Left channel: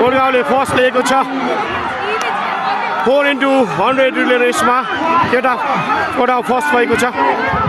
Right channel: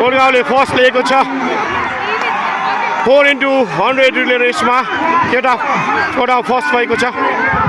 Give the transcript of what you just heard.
Portugalले first लिएको छ 4 into 100 relay Reshma केटा फर्स्ट भएको छ